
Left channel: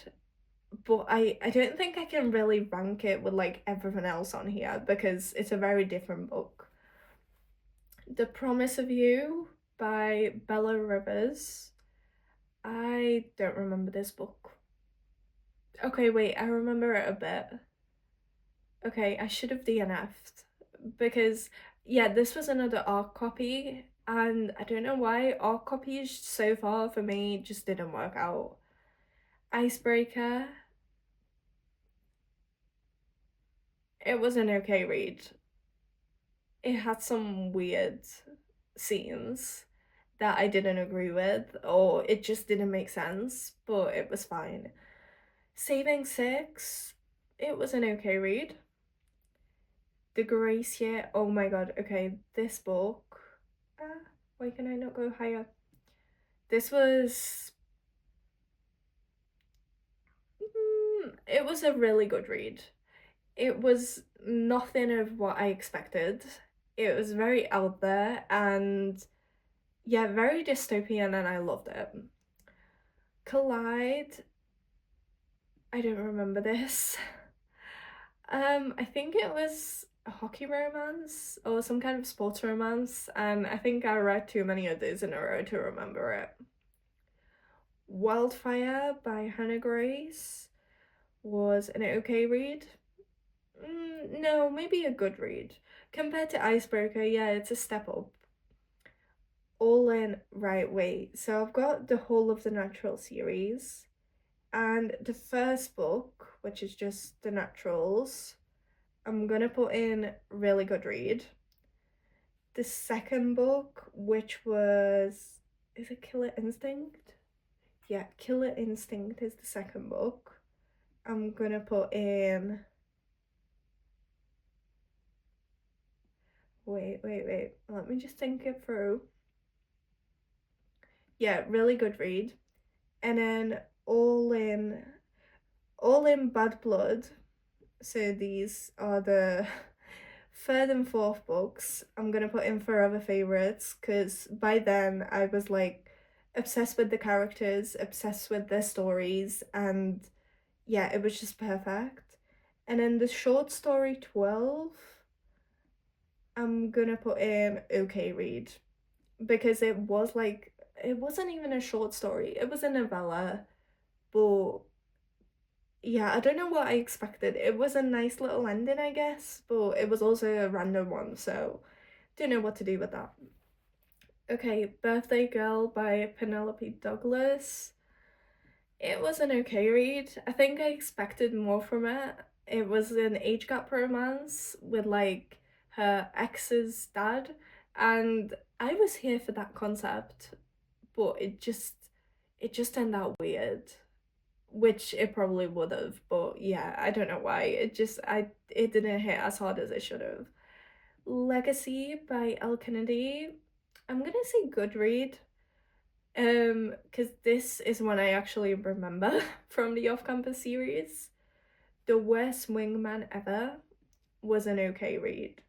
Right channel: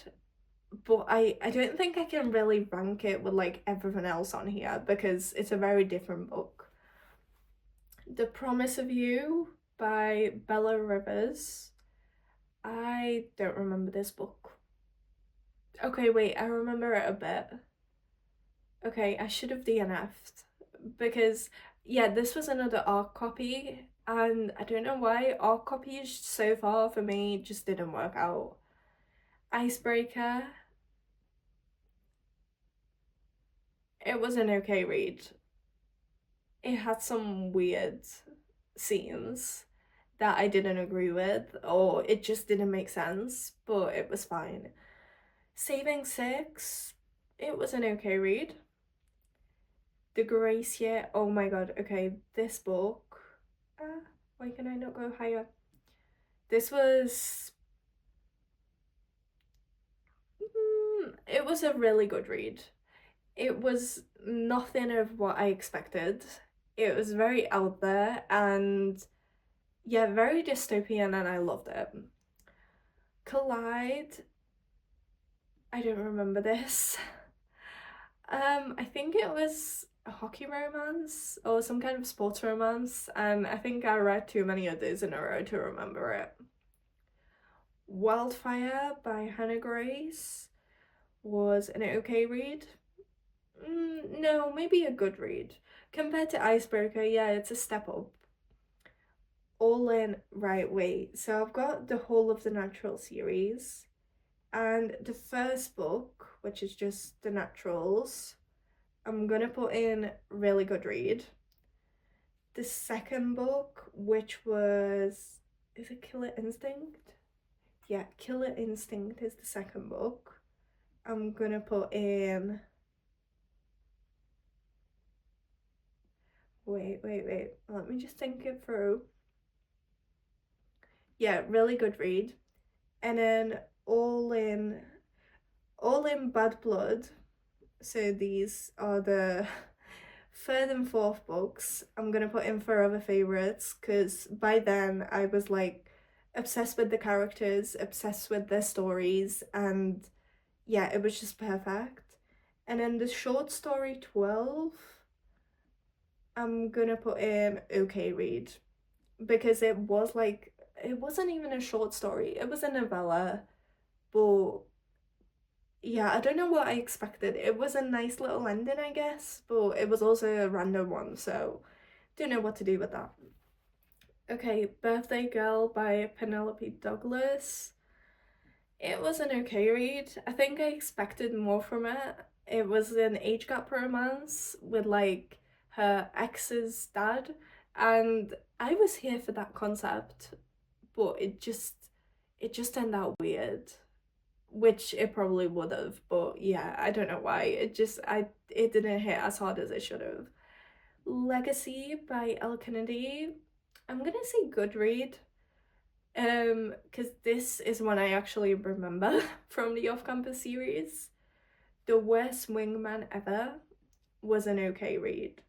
but I don't think I can really rank it with like everything else on here because it's a very different book. The Promise of You by Bella Rivers. I don't remember this book. Okay, wait, I remember it a bit. Okay, I should have DNF'd because yeah, this was another ARC copy, and I don't know why ARC copies so far for me just didn't work out. Icebreaker. It was an okay read. It had some weird scenes that I didn't agree with, or it just didn't make sense, but it was fine. Saving Six. It was an okay read. The Gracia. Oh my god, okay, this book. Why can I not go higher? This was. It was a really good read. It was nothing of what I expected. It was very out there and yeah, very dystopian, and I loved it. Collide. I don't remember this. I think it was a hockey romance or some kind of sports romance, and I think I read too many of these in a row to remember it. Wildfire by Hannah Grace was an okay read. No, maybe a good read. Compared to Icebreaker, yeah, it's a step up. All in, right, wait. So I've got the whole of the Natural series, and the first book, which is just the Naturals, I'm gonna put in really good read. The second book, which was, is it Killer Instinct? Yeah, Killer Instinct is the second book. I'm gonna put in, wait, let me just think it through. Yeah, really good read. And then all in Bad Blood. So these are the third and fourth books. I'm gonna put in forever favorites because by then I was like obsessed with the characters, obsessed with their stories, and yeah, it was just perfect. And then the short story 12, I'm gonna put in okay read because it was like, it wasn't even a short story, it was a novella, but yeah, I don't know what I expected. It was a nice little ending, I guess, but it was also a random one, so don't know what to do with that. Okay, Birthday Girl by Penelope Douglas. It was an okay read. I think I expected more from it. It was an age gap romance with like her ex's dad, and I was here for that concept, but it just turned out weird, which it probably would have, but yeah, I don't know why. It didn't hit as hard as it should have. Legacy by Elle Kennedy. I'm gonna say good read. Because this is one I actually remember from the off-campus series. The Worst Wingman Ever was an okay read.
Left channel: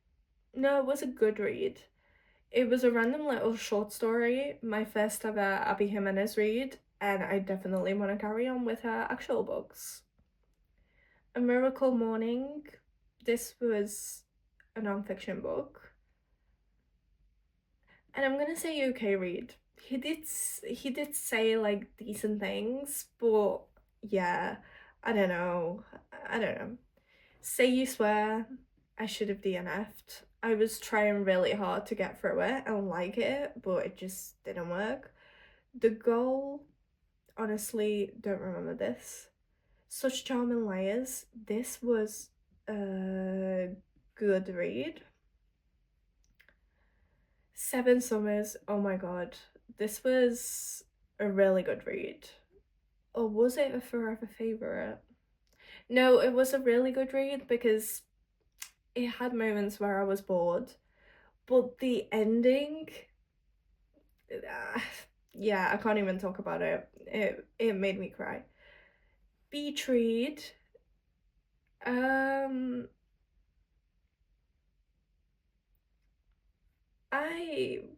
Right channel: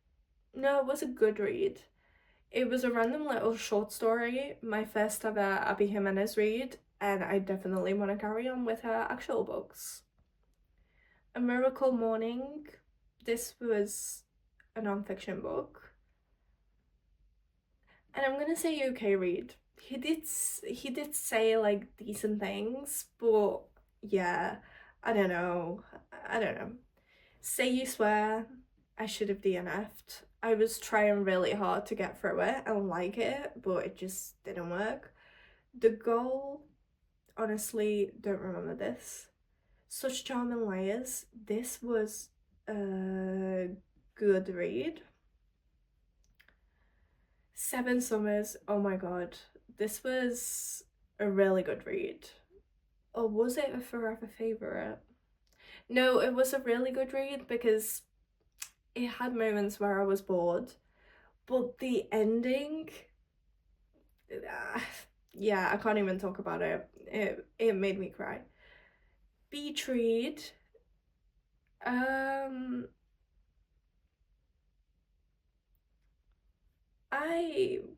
No, it was a good read. It was a random little short story, my first ever Abby Jimenez read, and I definitely want to carry on with her actual books. A Miracle Morning, this was a non-fiction book, and I'm gonna say okay read. He did say like decent things, but yeah, I don't know. I don't know. Say You Swear, I should have DNF'd. I was trying really hard to get through it and like it, but it just didn't work. The Goal, honestly, don't remember this. Such Charming Liars, this was a good read. Seven Summers, oh my god, this was a really good read. Or was it a forever favourite? No, it was a really good read because it had moments where I was bored, but the ending, yeah, I can't even talk about it. It made me cry. Betrayed, I'm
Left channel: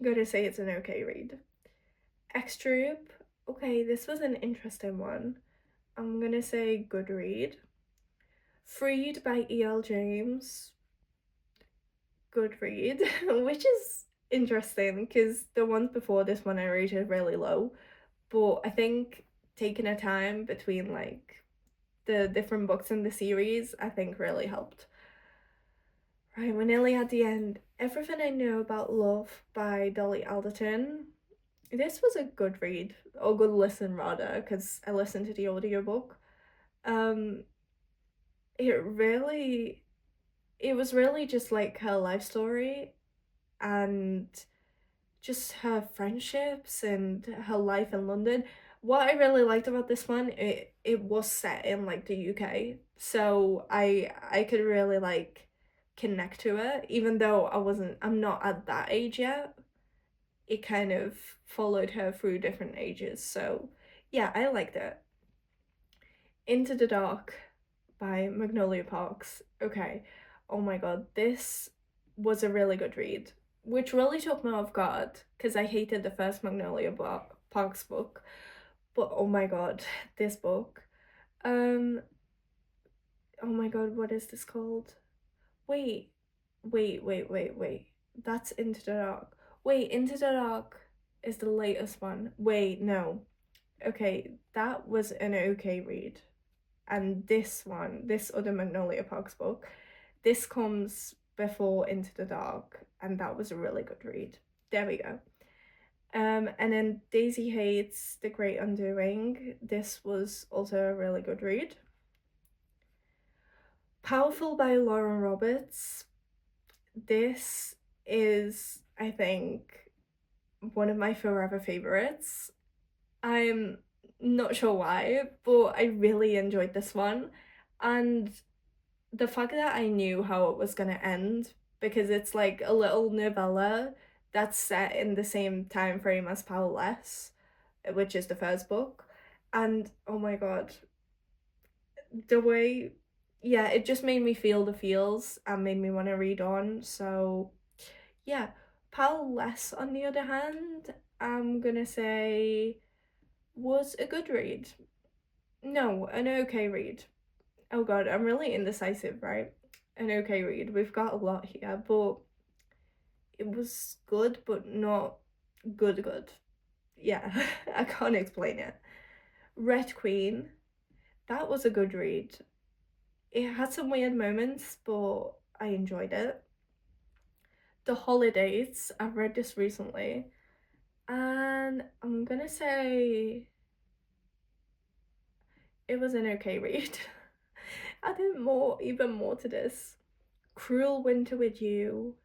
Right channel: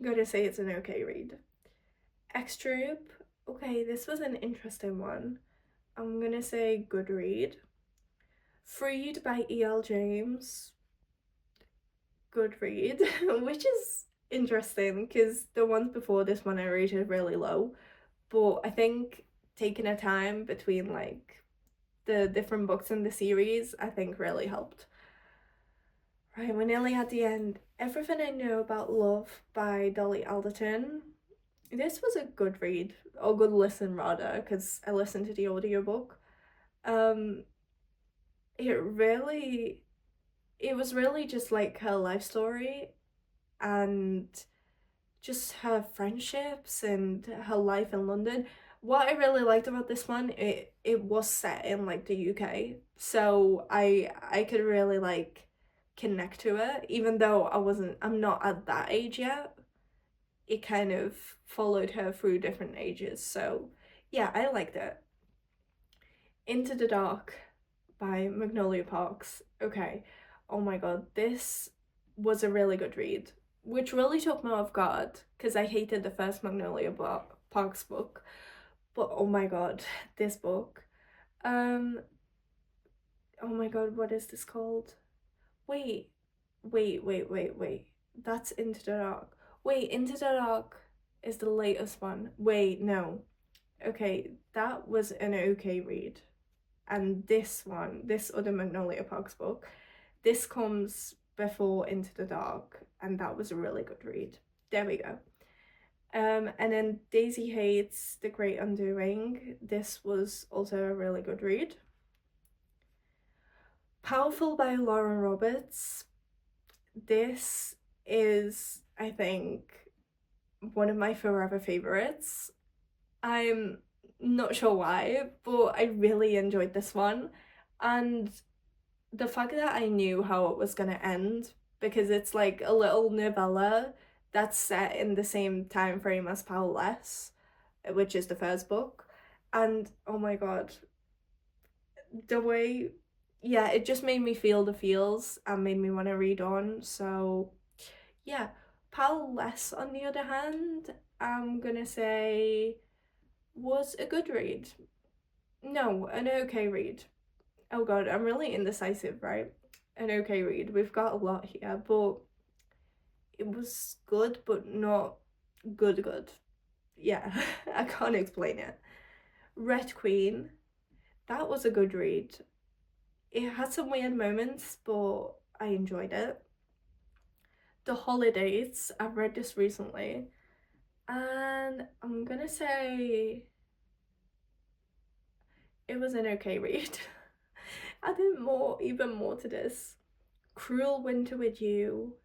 gonna say it's an okay read. X-Troop, okay, this was an interesting one. I'm gonna say good read. Freed by E.L. James, good read, which is interesting because the ones before this one I rated really low, but I think taking a time between like the different books in the series I think really helped. Right, we're nearly at the end. Everything I Know About Love by Dolly Alderton. This was a good read, or good listen rather, because I listened to the audiobook. Um, it was really just like her life story and just her friendships and her life in London. What I really liked about this one, it was set in like the UK, so I could really like connect to it, even though I'm not at that age yet. It kind of followed her through different ages, so yeah, I liked it. Into the Dark by Magnolia Parks. Okay, oh my god, this was a really good read, which really took me off guard because I hated the first Parks book. But oh my god, this book. Um, oh my god, what is this called? Wait, wait. That's Into the Dark. Wait, Into the Dark is the latest one. Wait, no. Okay, that was an okay read. And this one, this other Magnolia Parks book, this comes before Into the Dark, and that was a really good read. There we go. And then Daisy Hates The Great Undoing. This was also a really good read. Powerful by Lauren Roberts. This is, I think, one of my forever favorites. I'm not sure why, but I really enjoyed this one. And the fact that I knew how it was gonna end, because it's like a little novella that's set in the same time frame as Powerless, which is the first book. And oh my god, the way, yeah, it just made me feel the feels and made me want to read on. So yeah, Powerless on the other hand, I'm gonna say was a good read. No, an okay read. Oh god, I'm really indecisive, right? An okay read. We've got a lot here, but it was good, but not good. Yeah, I can't explain it. Red Queen, that was a good read. It had some weird moments, but I enjoyed it. The Holidays, I've read this recently, and I'm gonna say it was an okay read. Adding even more to this. Cruel Winter with You.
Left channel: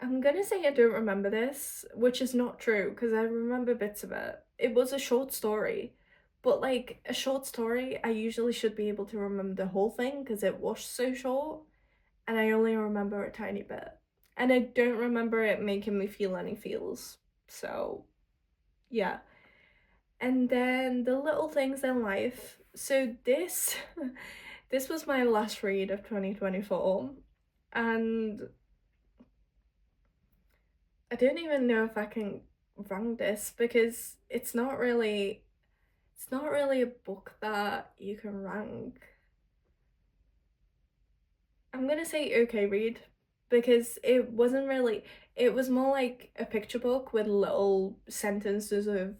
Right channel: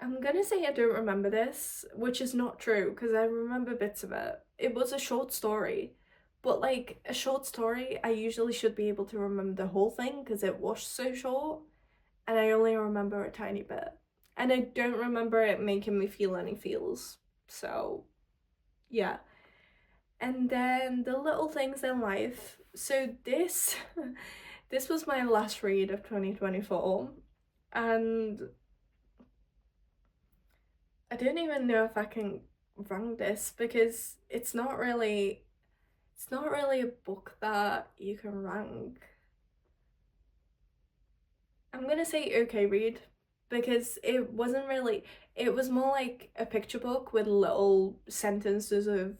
I'm gonna say I don't remember this, which is not true because I remember bits of it. It was a short story, but like a short story, I usually should be able to remember the whole thing because it was so short, and I only remember a tiny bit. And I don't remember it making me feel any feels. So, yeah. And then The Little Things in Life. So this this was my last read of 2024, and I don't even know if I can rank this because it's not really a book that you can rank. I'm gonna say okay read because it was more like a picture book with little sentences of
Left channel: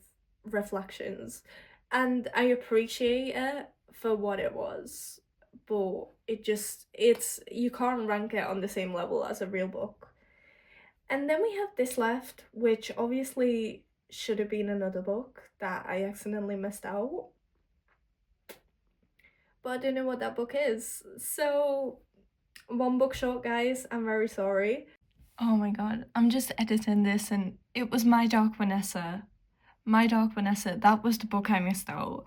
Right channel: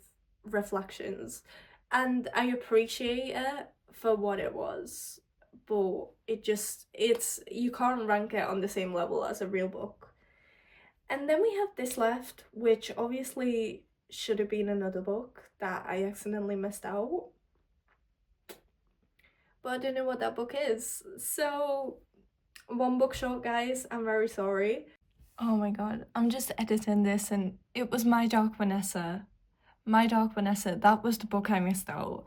reflections, and I appreciate it for what it was, but it's you can't rank it on the same level as a real book. And then we have this left, which obviously should have been another book that I accidentally missed out, but I don't know what that book is. So one book short, guys. I'm very sorry. Oh my god, I'm just editing this and it was My Dark Vanessa. My Dark Vanessa, that was the book I missed out.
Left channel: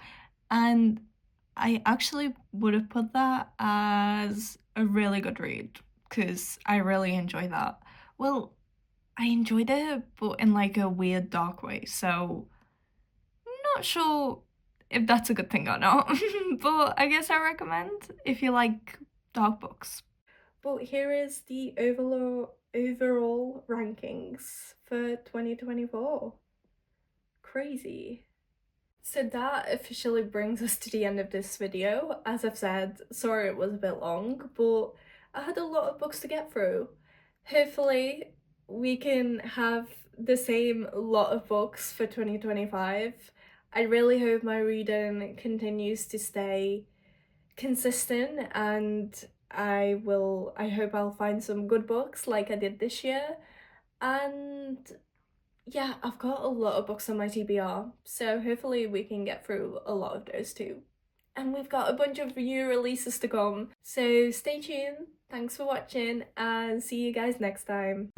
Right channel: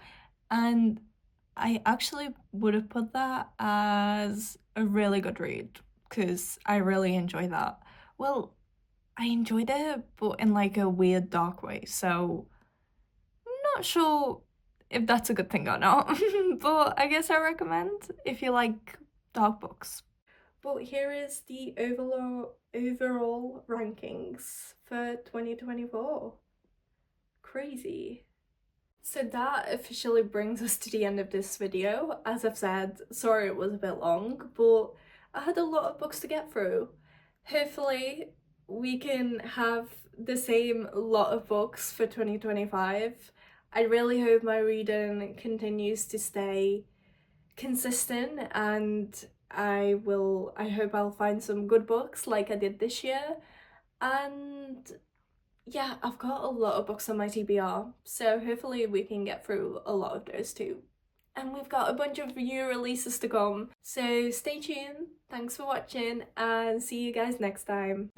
And I actually would have put that as a really good read because I really enjoy that. Well, I enjoyed it, but in like a weird dark way. So, not sure if that's a good thing or not. But I guess I recommend if you like dark books. But here is the overall rankings for 2024. Crazy. So that officially brings us to the end of this video. As I've said, sorry it was a bit long, but I had a lot of books to get through. Hopefully we can have the same lot of books for 2025. I really hope my reading continues to stay consistent, and I hope I'll find some good books like I did this year. And yeah, I've got a lot of books on my TBR, so hopefully we can get through a lot of those too. And we've got a bunch of new releases to come, so stay tuned. Thanks for watching and see you guys next time.